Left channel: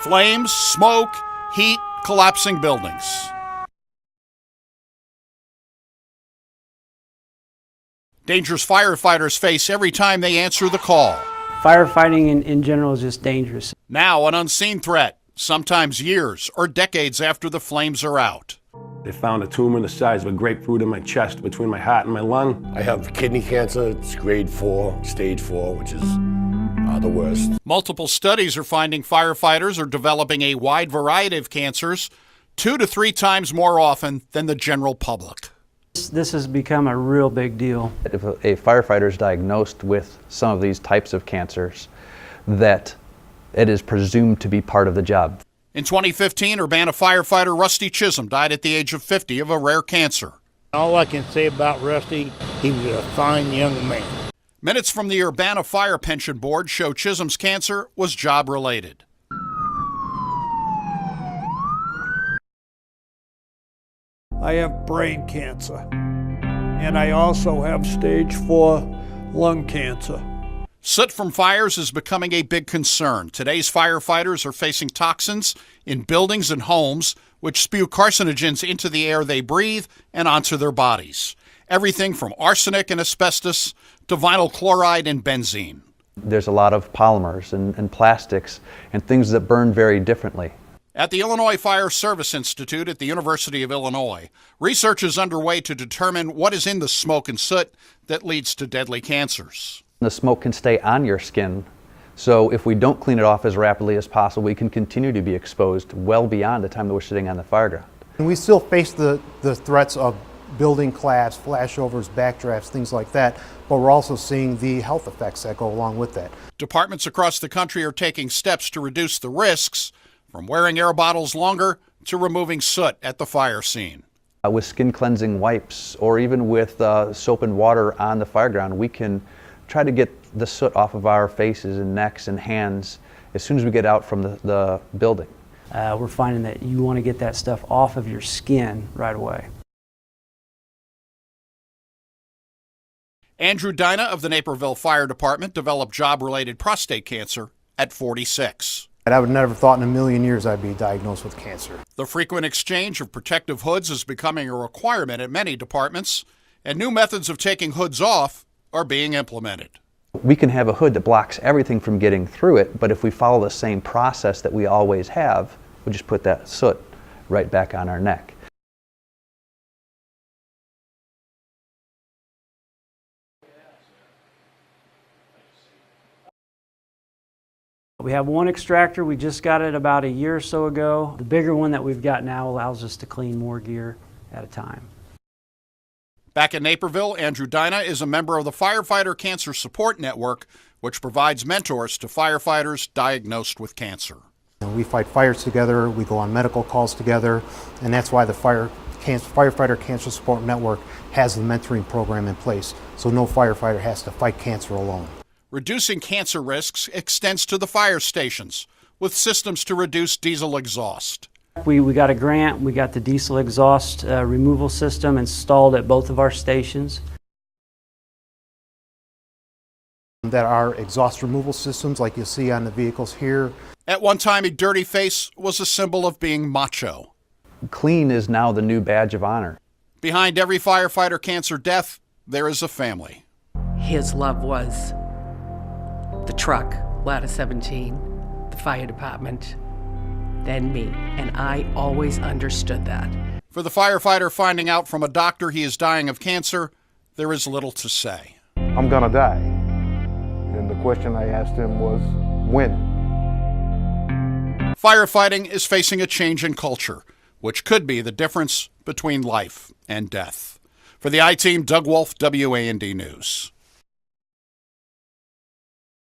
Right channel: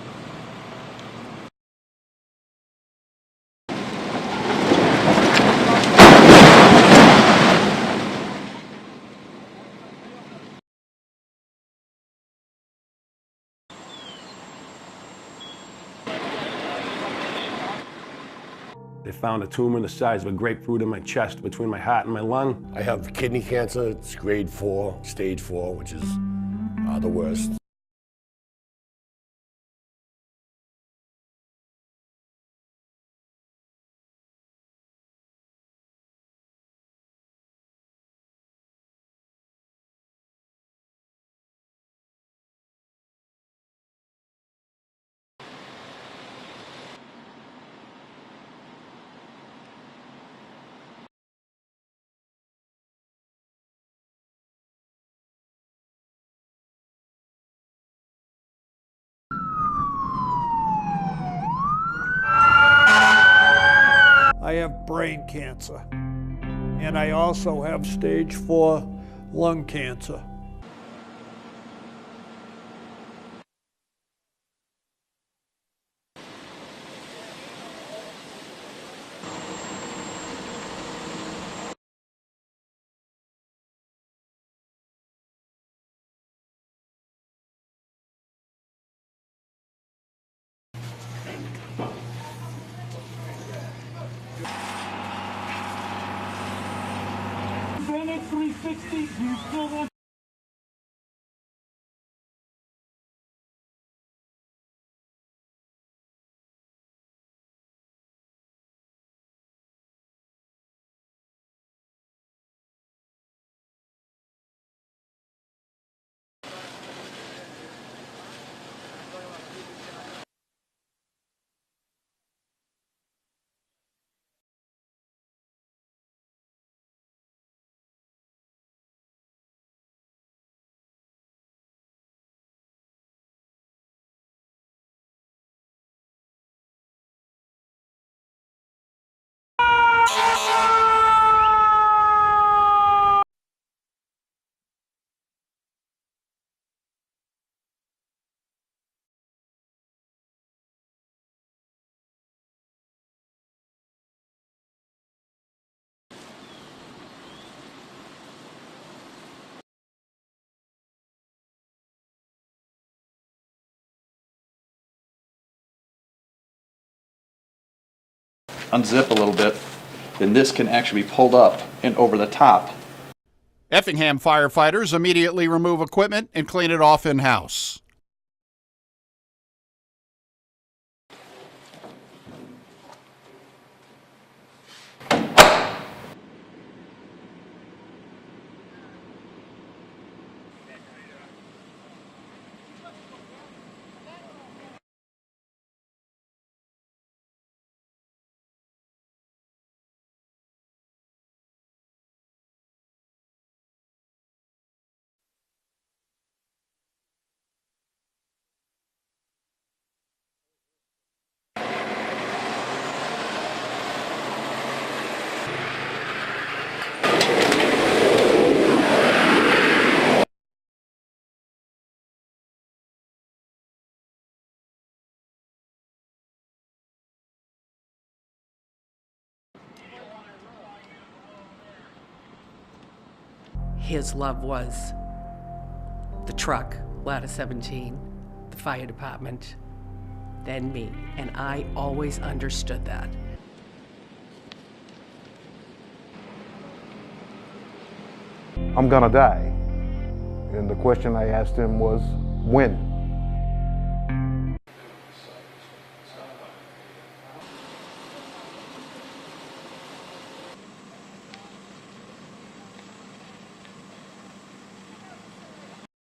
Flames, smoke, heat, collapsing buildings. Dangers firefighters face every time they answer the call. Firefighting in general is just dangerous. Now an unseen threat, sometimes years or decades after the flames are out. They found a tumor the size of a grapefruit in my chest between my heart and my lung. I have kidney cancer. It's grade 4, stage 4, which is the worst. Multiple studies are finding firefighters are developing a wide variety of cancers 2 to 3 times more often than the general public. This has become a real big deal. If a firefighter is diagnosed with some of these types of cancers, that it is presumed to be part of the job. In 2015, Urbana firefighter Rusty Chisholm died at the age of 50 of a rare cancer. All I can say about Rusty, he was a fine young man. Minutes from the Urbana Fire Pension Board show Chisholm's cancer was job-related. I have brain cancer, and I also have stage 4 lung cancer. Soot from fires is becoming a big concern. Today's firefighters are facing toxins in buildings and homes which spew carcinogens into the air they breathe and onto their bodies. Everything from arsenic and asbestos to vinyl chloride and benzene. There's a lot of polymers and plastics and things that burn very differently. At the Illinois Fire Service Institute at the University of Illinois, research is underway to determine what is in the smoke and soot that leads to deadly cancers. The smoke can stay on your skin, so if we don't clean it off as rapidly as possible, we can continue to be exposed well beyond the time that we're sitting on the fire ground. And we still face the threats of building collapse, flashovers, backdrafts, things like that, but we're also seeing the health effects that go along with that. Departments across the country are taking steps to reduce the risks, from wearing air bottles longer to removing soot at the fire scene. With skin cleansing wipes or even with soap and water on the fire ground, we can try to get the soot off of our faces and necks and hands as soon as we get out from the building. We're finding that you want to get that stuff off of your skin right away. Andrew Dyna of the Naperville Fire Department developed job-related prostate cancer at 46. I would never thought in a million years I'd be diagnosed with cancer. The frequent exchange of protective hoods is becoming a requirement at many departments, and new methods of taking hoods off are being implemented. We can have a hood that blocks everything from getting through it, but if we follow the same process that we always have, we just put that soot right back on our neck. Unzip a little bit, then this can actually be pulled up and over the top. Effingham firefighters immediately remove equipment and clean it off in-house. We have one extractor. We just got it about a year or so ago. The bigger one that we've got now allows us to clean more gear at a time. Back in Naperville, Andrew Dyna is a member of the Firefighter Cancer Support Network, which provides mentors to firefighters diagnosed with cancer. We fight fires together, we go on medical calls together, and that's why the Firefighter Cancer Support Network has the mentoring program in place, so no firefighter has to fight cancer alone. Reducing cancer risks extends to the fire stations, with systems to reduce diesel exhaust. We got a grant, we got the diesel exhaust removal system installed at both of our stations. That are exhaust removal systems like you see on the vehicles here. At one time, a dirty face was a symbol of being macho. Clean is now the new badge of honor. Behind every firefighter cancer death, there is a family. His love was the truck, Ladder 17, the fire department, then me, and I always understood that. For the firefighter finding out from a doctor he is dying of cancer, there is little to say. I'm gonna die. And the question I asked him was, when? Firefighting is facing a change in culture, which could be the difference between life and death. For the I-Team, Doug Wolfe, WAND News.